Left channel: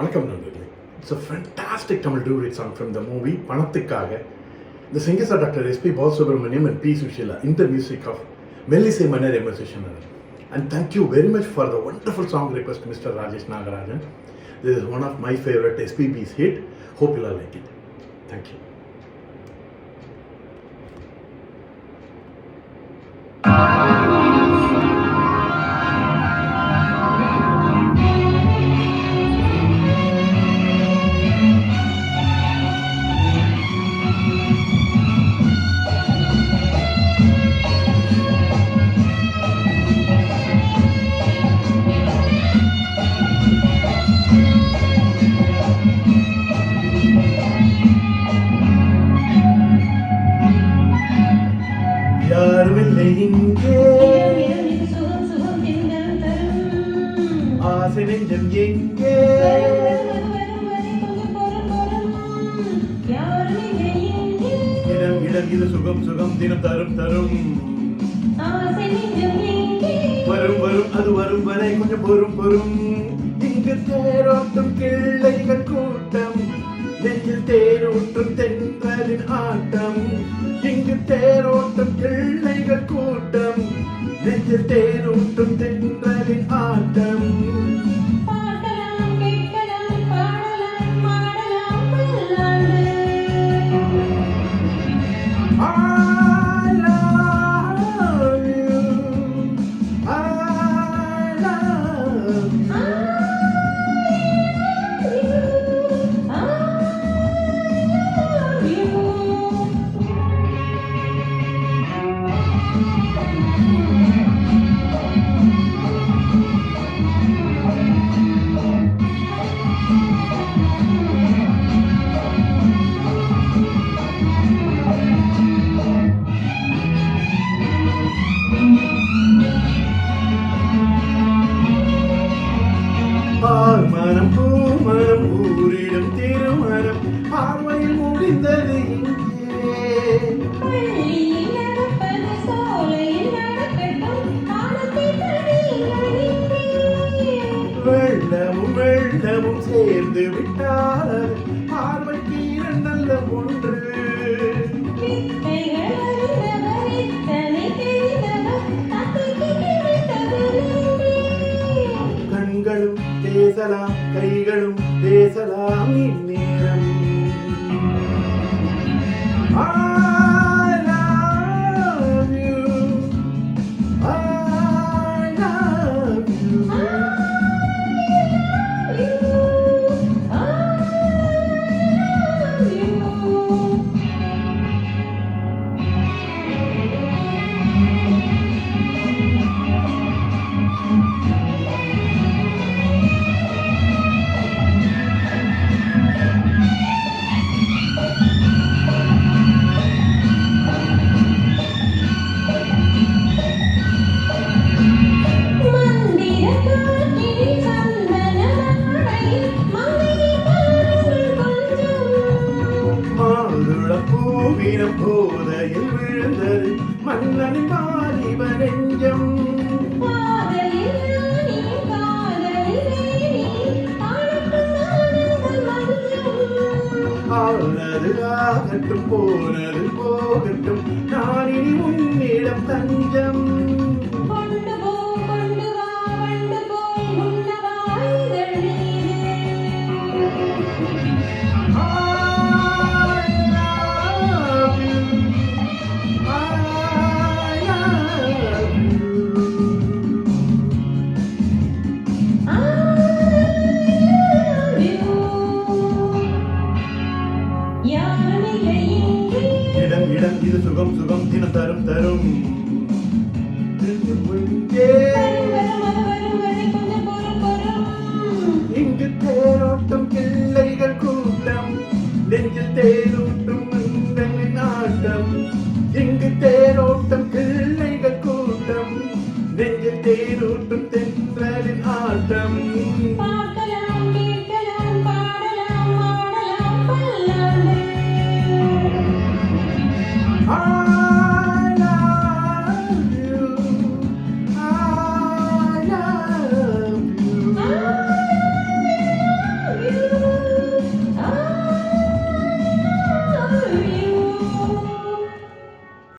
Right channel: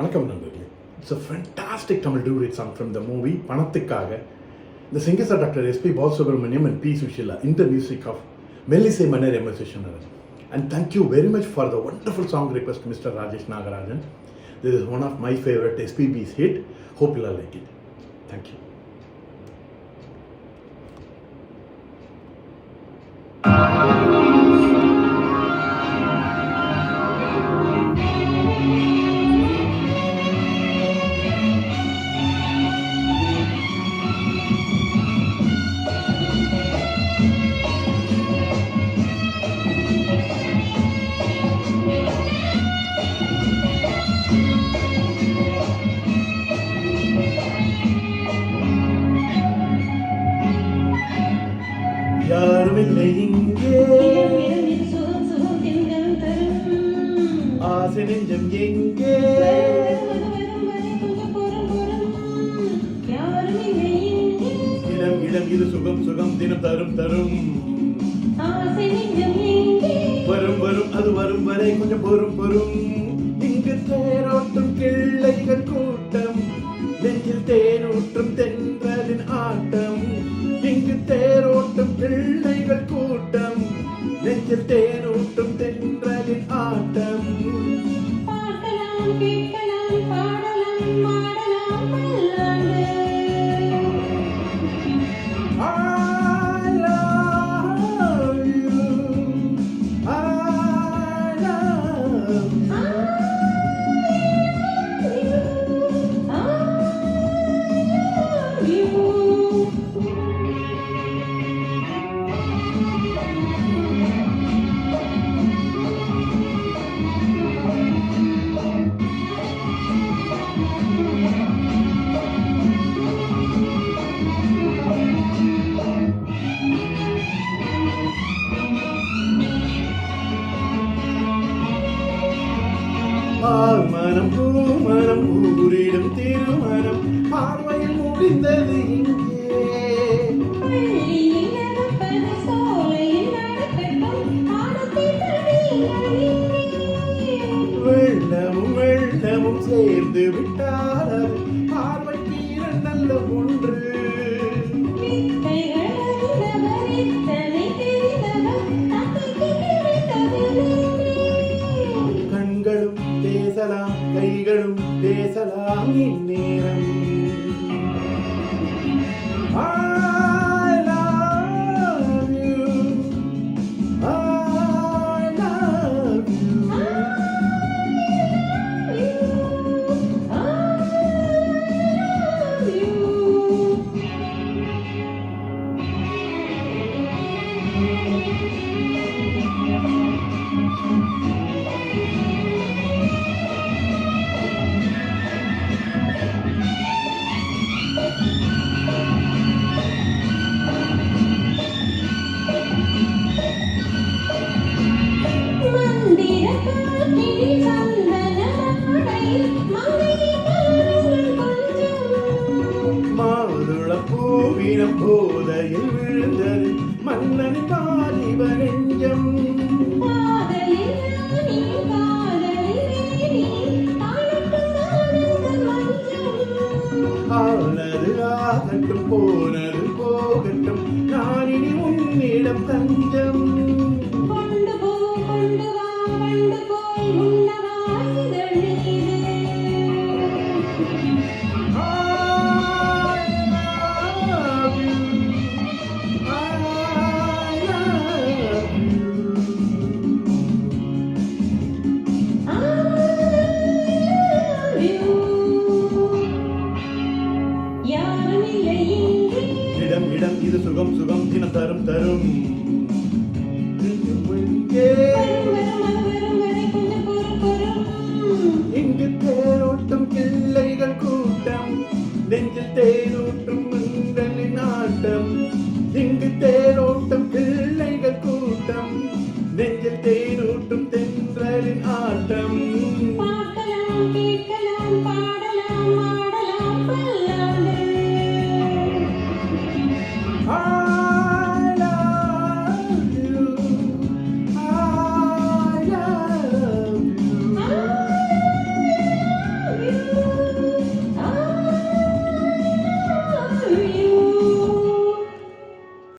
வணக்கம் நண்பர்களே. It's a fantastic Tamil duet song from the movie பணத்துக்காக. The singers are Dr. S.P. Balasubramaniam and P. Sushila in the music of Melissy Manner M. S. Vishwanath. And thank you very much for the wonderful song request, Mr. Rajesh Nagarajan. This is one of my favorite SPB's hit. Hope you'll like it. Thank you. யாருமில்லை இங்கே ஆசை நெஞ்சம் எங்கே இடம் இடம் இது சுகம் சுகம் தினம் தரும் தரும் வரும் வரும் அது வரும் வரை கொஞ்சம் பொறும் பொறும் இங்கு தேரோட்டும் கிள்ளைகள் கூட்டம் நெஞ்சில் தேரோட்டும் தென்றலின் ஆட்டம் இங்கு தேரோட்டும் கிள்ளைகள் கூட்டம் நெஞ்சில் தேரோட்டும் தென்றலின் ஆட்டம் மனம் பூமரம் ஊரிடும் திருமணம் பார்வையில் முடிந்தது இங்கே வெள்ளமும் வெள்ளமும் சேர்ந்து விட்டால் அது பார்வைக்கு இரண்டல்ல ஒன்று கண்களும் பேசலாம் கைகளும் பேசலாம் இந்நேரம் I love you I love you பூவினம் போதையில் விழுந்தது மன்னன் வாலிப நெஞ்சம் ஆனது ஆகட்டும் போனது போகட்டும் நான் இனி உன்னிடம் தஞ்சம் இடம் இடம் இது சுகம் சுகம் தினம் தரும் தரும் இங்கு தேரோட்டும் கிள்ளைகள் கூட்டம் நெஞ்சில் தேரோட்டும்